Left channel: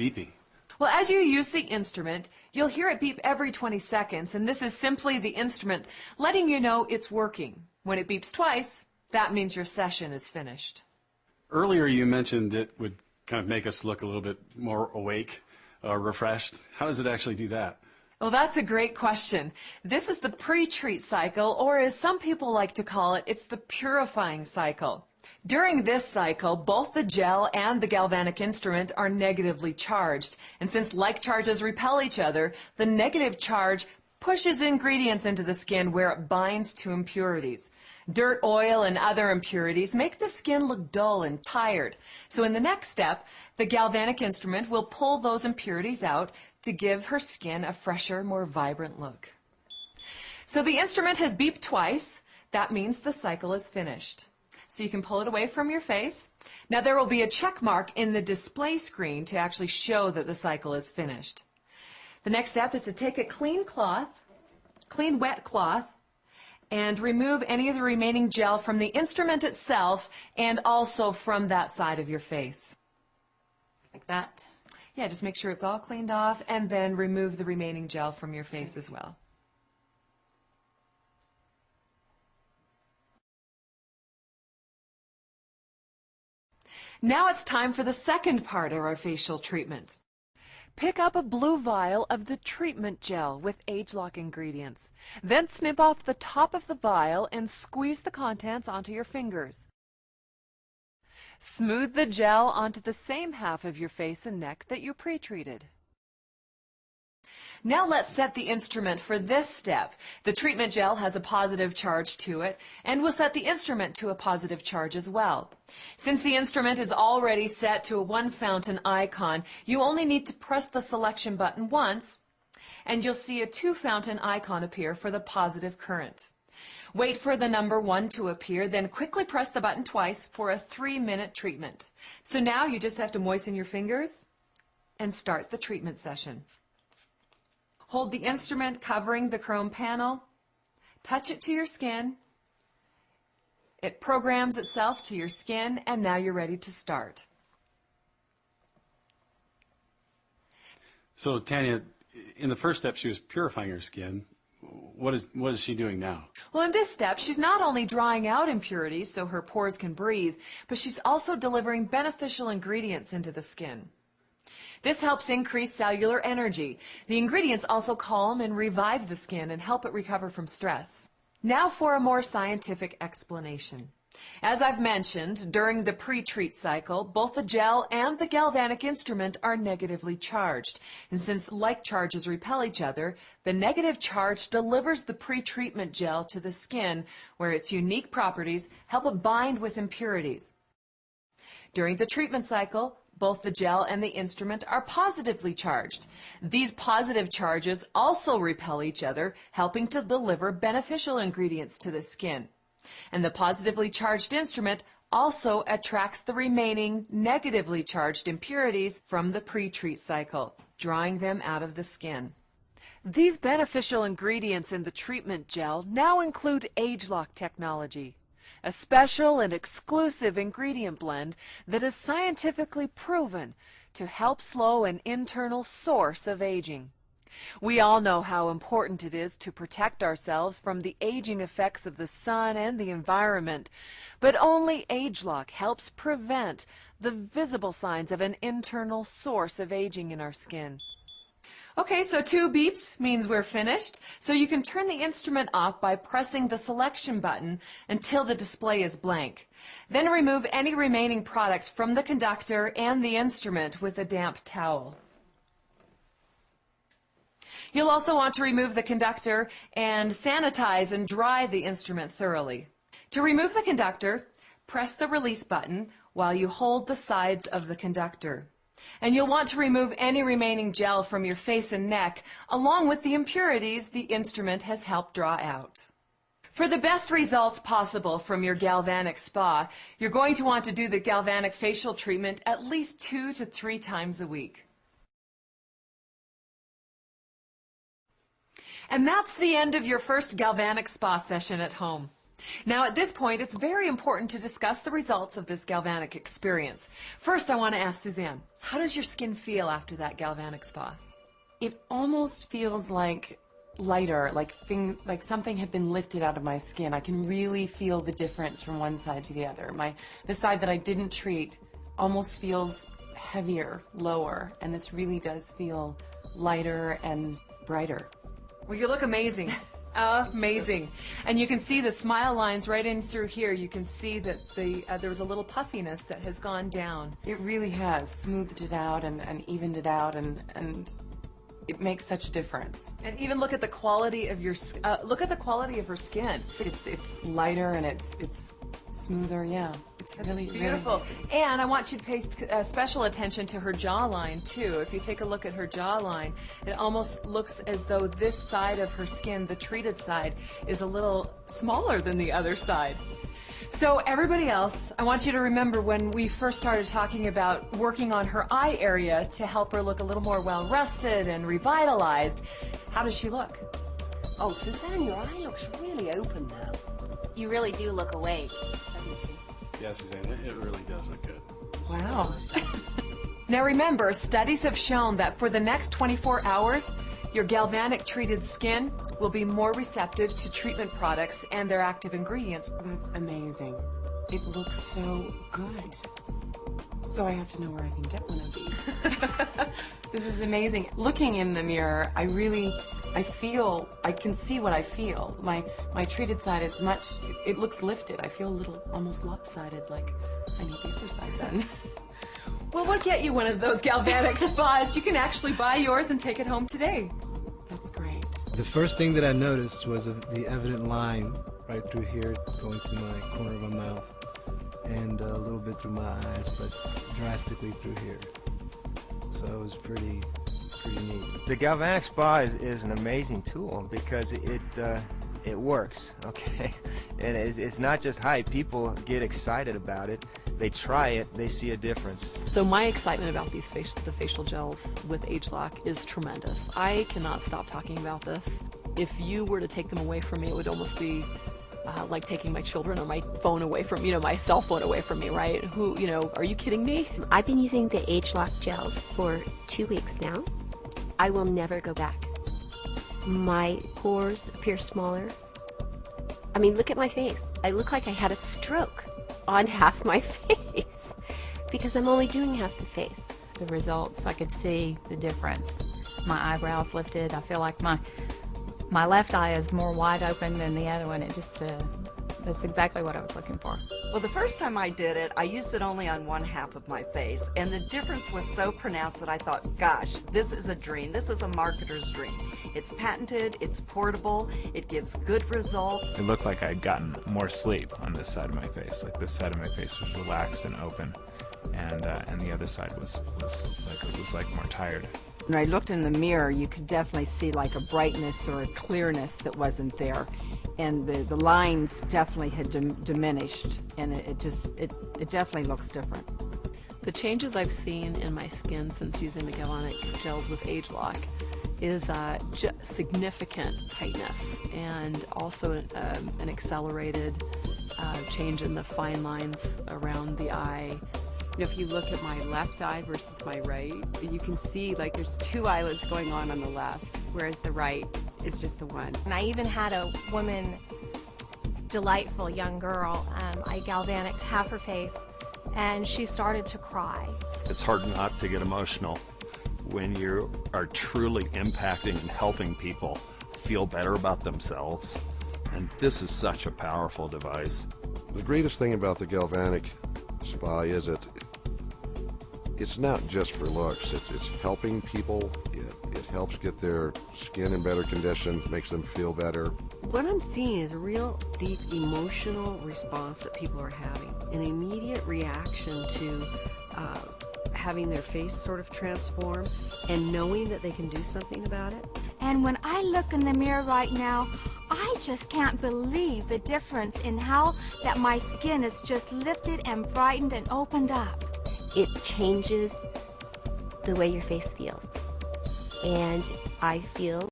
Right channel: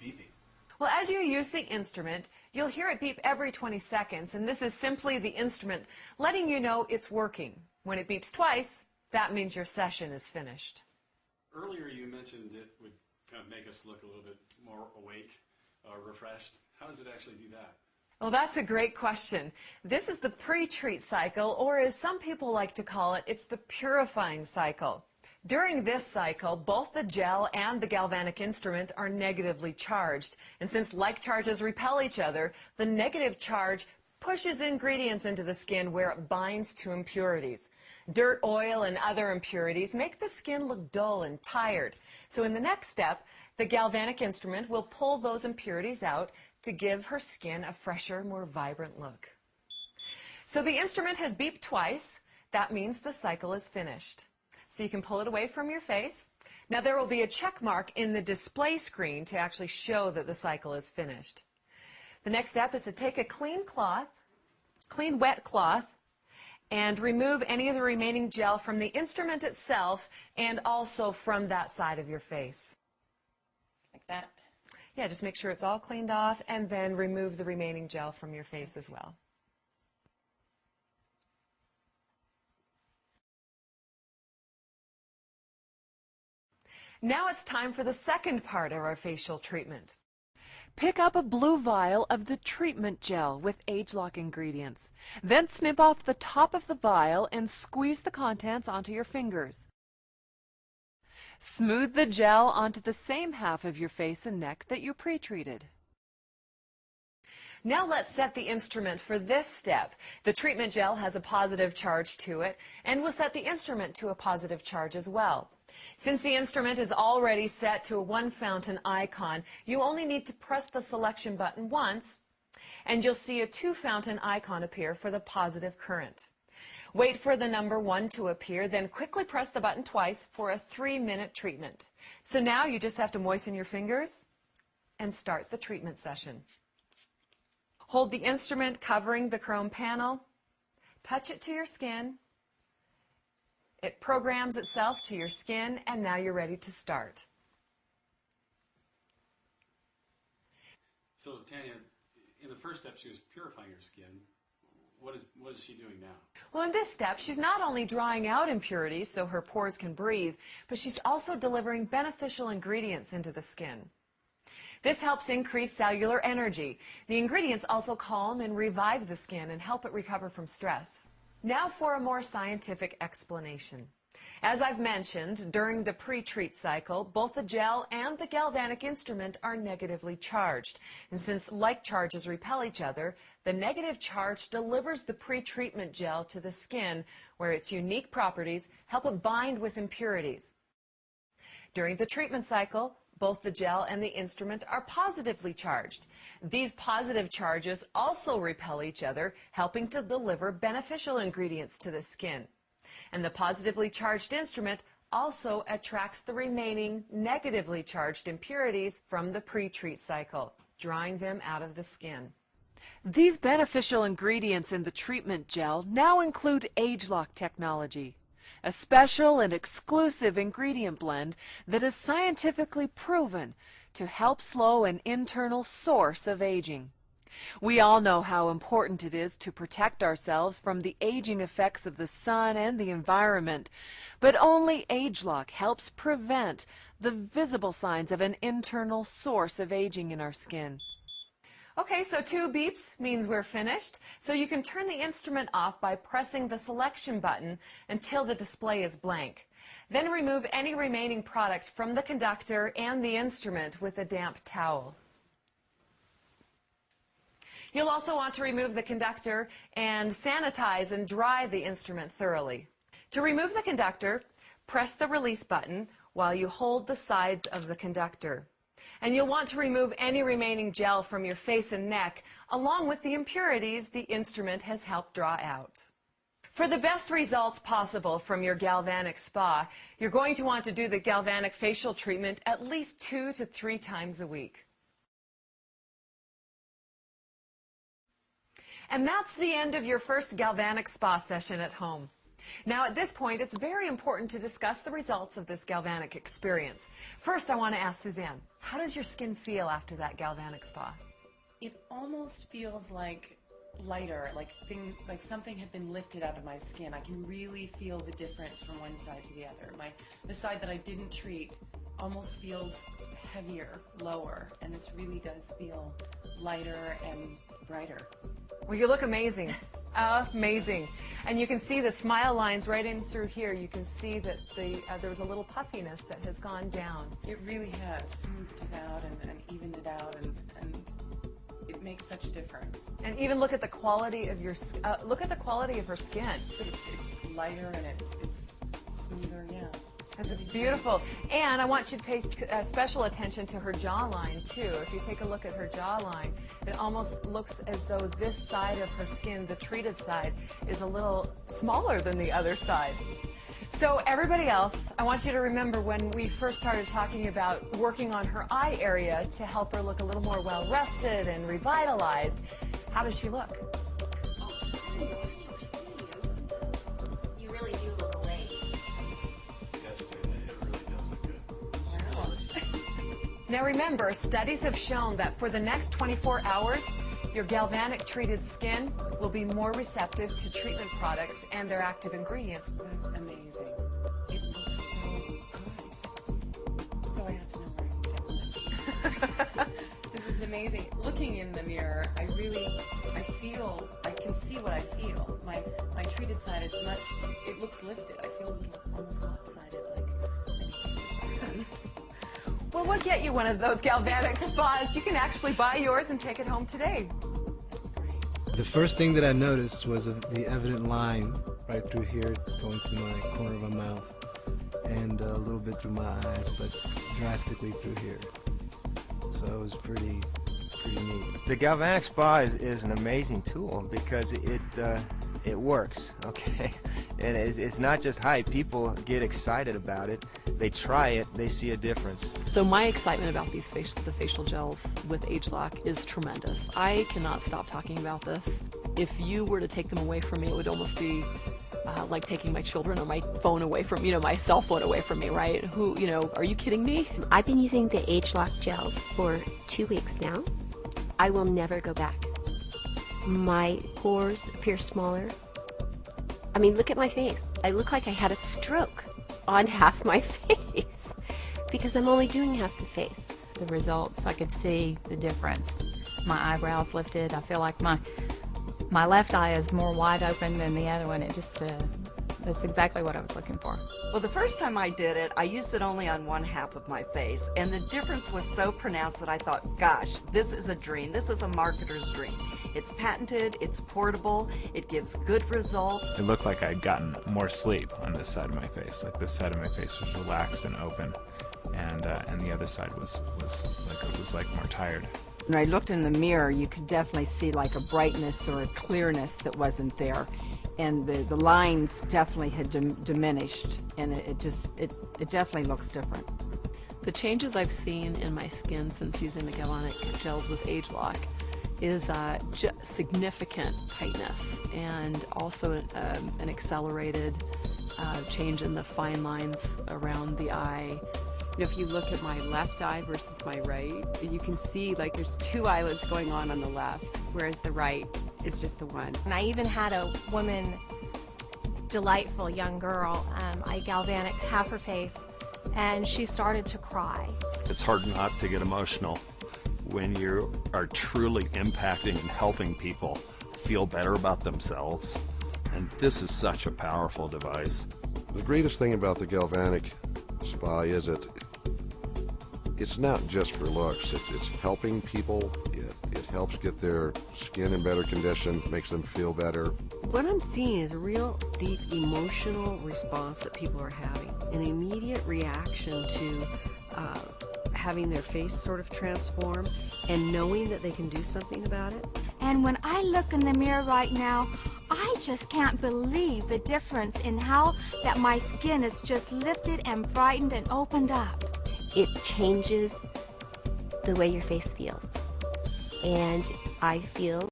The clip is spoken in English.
beeping? Well, as you use the instrument, you'll hear it beep every 20 seconds, and this is simply the instrument letting you know it's working. When it beeps twice, that means your session is finished. Earlier you mentioned it would kind of make us look a little bit more awake, refreshed. How does it actually do that? Well, that's a great question. This is the pre-treat cycle, or as some people like to call it, it's the purifying cycle. During this cycle, both the gel and the galvanic instrument are negatively charged. And since like charges repel each other, the negative charge pushes ingredients into the skin where it binds to impurities. Dirt, oil, and other impurities make the skin look dull and tired. So in the next step, the galvanic instrument will pull those impurities out to give her skin a fresher, more vibrant look. So the instrument has beeped twice. That means the cycle is finished. So you can pull it away from your face. Now there will be a check mark in the display screen to actually show that the cycle is finished. The next step is to take a clean wet cloth, and remove any of the remaining gel from the instrument itself and also from that side of your face. Like that? Yeah, just make sure it's all cleaned off, and then remove the remaining gel from your face as well. Now it's time for the second part of our facial treatment. Pick up a blue vial of the treatment gel with age-lock ingredients. Then snip off the top of the vial and squeeze the contents onto your fingers. Smooth the gel onto the same half of your face and neck that you pre-treated. Now let's set the instrument for this step. The treatment gel has a positive charge to it, and we'll set the instrument to a positive charge as well. Since the instrument is already set to a one fountain icon, you only need to press the selection button once, and you'll see a two fountain icon appear for the positive current. Wait for the number 1 to appear, then quickly press the button twice for a 3-minute treatment. So now you just have to moisten your fingers and start the treatment session. Hold the instrument covering the chrome panel, touch it to your skin, it programs itself to your skin, and now you're ready to start. So Tanya, in the first step she was purifying her skin. What is she doing now? Well, in this step, she's not only drying out impurities so her pores can breathe, but she's also delivering beneficial ingredients into the skin. This helps increase cellular energy. The ingredients also calm and revive the skin and help it recover from stress. Now for a more scientific explanation. As I've mentioned, during the pre-treat cycle, both the gel and the galvanic instrument are negatively charged. And since like charges repel each other, the negative charge delivers the pre-treatment gel to the skin, where its unique properties help it bind with impurities. During the treatment cycle, both the gel and the instrument are positively charged. These positive charges also repel each other, helping to deliver beneficial ingredients to the skin. And the positively charged instrument also attracts the remaining negatively charged impurities from the pre-treat cycle, drawing them out of the skin. These beneficial ingredients in the treatment gel now include age-lock technology, a special and exclusive ingredient blend that is scientifically proven to help slow an internal source of aging. We all know how important it is to protect ourselves from the aging effects of the sun and the environment, but only age-lock helps prevent the visible signs of an internal source of aging in our skin. Okay, so 2 beeps means we're finished, so you can turn the instrument off by pressing the selection button until the display is blank. Then remove any remaining product from the conductor and the instrument with a damp towel. You'll also want to remove the conductor and sanitize and dry the instrument thoroughly. To remove the conductor, press the release button while you hold the sides of the conductor. And you'll want to remove any remaining gel from your face and neck, along with the impurities the instrument has helped draw out. For the best results possible from your galvanic spa, you're going to want to do the galvanic facial treatment at least 2 to 3 times a week. And that's the end of your first galvanic spa session at home. Now at this point, it's very important to discuss the results of this galvanic experience. First, I want to ask Suzanne, how does your skin feel after that galvanic spa? It almost feels like lighter, like something had been lifted out of my skin. I can really feel the difference from one side to the other. The side that I didn't treat almost feels heavier, lower, and this really does feel lighter and brighter. Well, you look amazing. Amazing. And you can see the smile lines right in through here. You can see that there was a little puffiness that has gone down. It really has smoothed it out and evened it out, and it makes such a difference. And even look at the quality of your look at the quality of her skin. It's lighter and it's smoother. Yeah, it's really beautiful. Really, and I want you to pay special attention to her jawline too. If you take a look at her jawline, it almost looks as though this side of her skin, the treated side, is a little smaller than the other side. So everybody else, I want you to remember when we first started talking about working on her eye area to help her look a little more well-rested and revitalized. How does she look? Oh, Suzanne, your eye looks really open now. You really do look awake, doesn't you? Yeah, Suzanne, it really does look good. Wow. Now remember, studies have shown that for the next 24 hours, your galvanic treated skin will be more receptive to treatment products and their active ingredients. That's amazing. It looks so good. So I have to know where I can get one of these. This is amazing. Looking in the mirror, I can see what I feel. My treated side is it looks lifted. I feel a little almost lopsided, like I need the other side done. Well, we'll get you one of those galvanic spas. You can actually buy yours and take it home today. That's great. The first thing that I noticed was the evident line right through here going to my corner of my mouth and a little bit through my eyes, but drastically through here. So it was pretty neat. The Galvanic Spa is an amazing tool because it works, okay? And it's not just hype. People get excited about it. They try it. They see a difference. So my excitement about the facial gels with ageLOC is tremendous. I cannot stop talking about this. If you were to take them away from me, it would almost be like taking my children or my phone away from, my cell phone away from me, right? Are you kidding me? I've been using the ageLOC gels for 2 weeks now. I will never go back. My pores appear smaller. I mean, look at my face. I look like I had a stroke on half my face because I'm only doing half the face. The results, I could see the difference. My eyebrows lifted. I feel like my left eye is more wide open than the other one. That's exactly what I was looking for. Well, the first time I did it, I used it only on one half of my face, and the difference was so pronounced that I thought, gosh, this is a dream. This is a marketer's dream. It's patented, it's portable, it gives good results. It looked like I'd gotten more sleep on this side of my face. Like this side of my face was relaxed and open, and the other side was more tired. When I looked in the mirror, you could definitely see like a brightness or a clearness that wasn't there. And the lines definitely had diminished, and it definitely looks different. The changes I've seen in my skin since using the Galvanic gels with ageLOC is significant tightness and also an accelerated change in the fine lines around the eye. If you look at my left eye versus my right, you can see like there's two eyelids going on the left, whereas the right is just the one. And I even had a woman, delightful young girl, I galvanicked half her face, and she started to cry. It's hard not to get emotional when you are truly impacting and helping people feel better about themselves. And this is such a powerful device. The greatest thing about the Galvanic Spa is it's not just for looks. It's helping people. It helps get their skin in better condition, makes them feel better. What I'm seeing is a real deep emotional response that people are having, an immediate reaction to having their face sort of transform and knowing that they can do something about it. And when I look in the mirror right now, I just can't believe the difference in how that my skin is just lifted and brightened and opened up. It changes the way your face feels. And I feel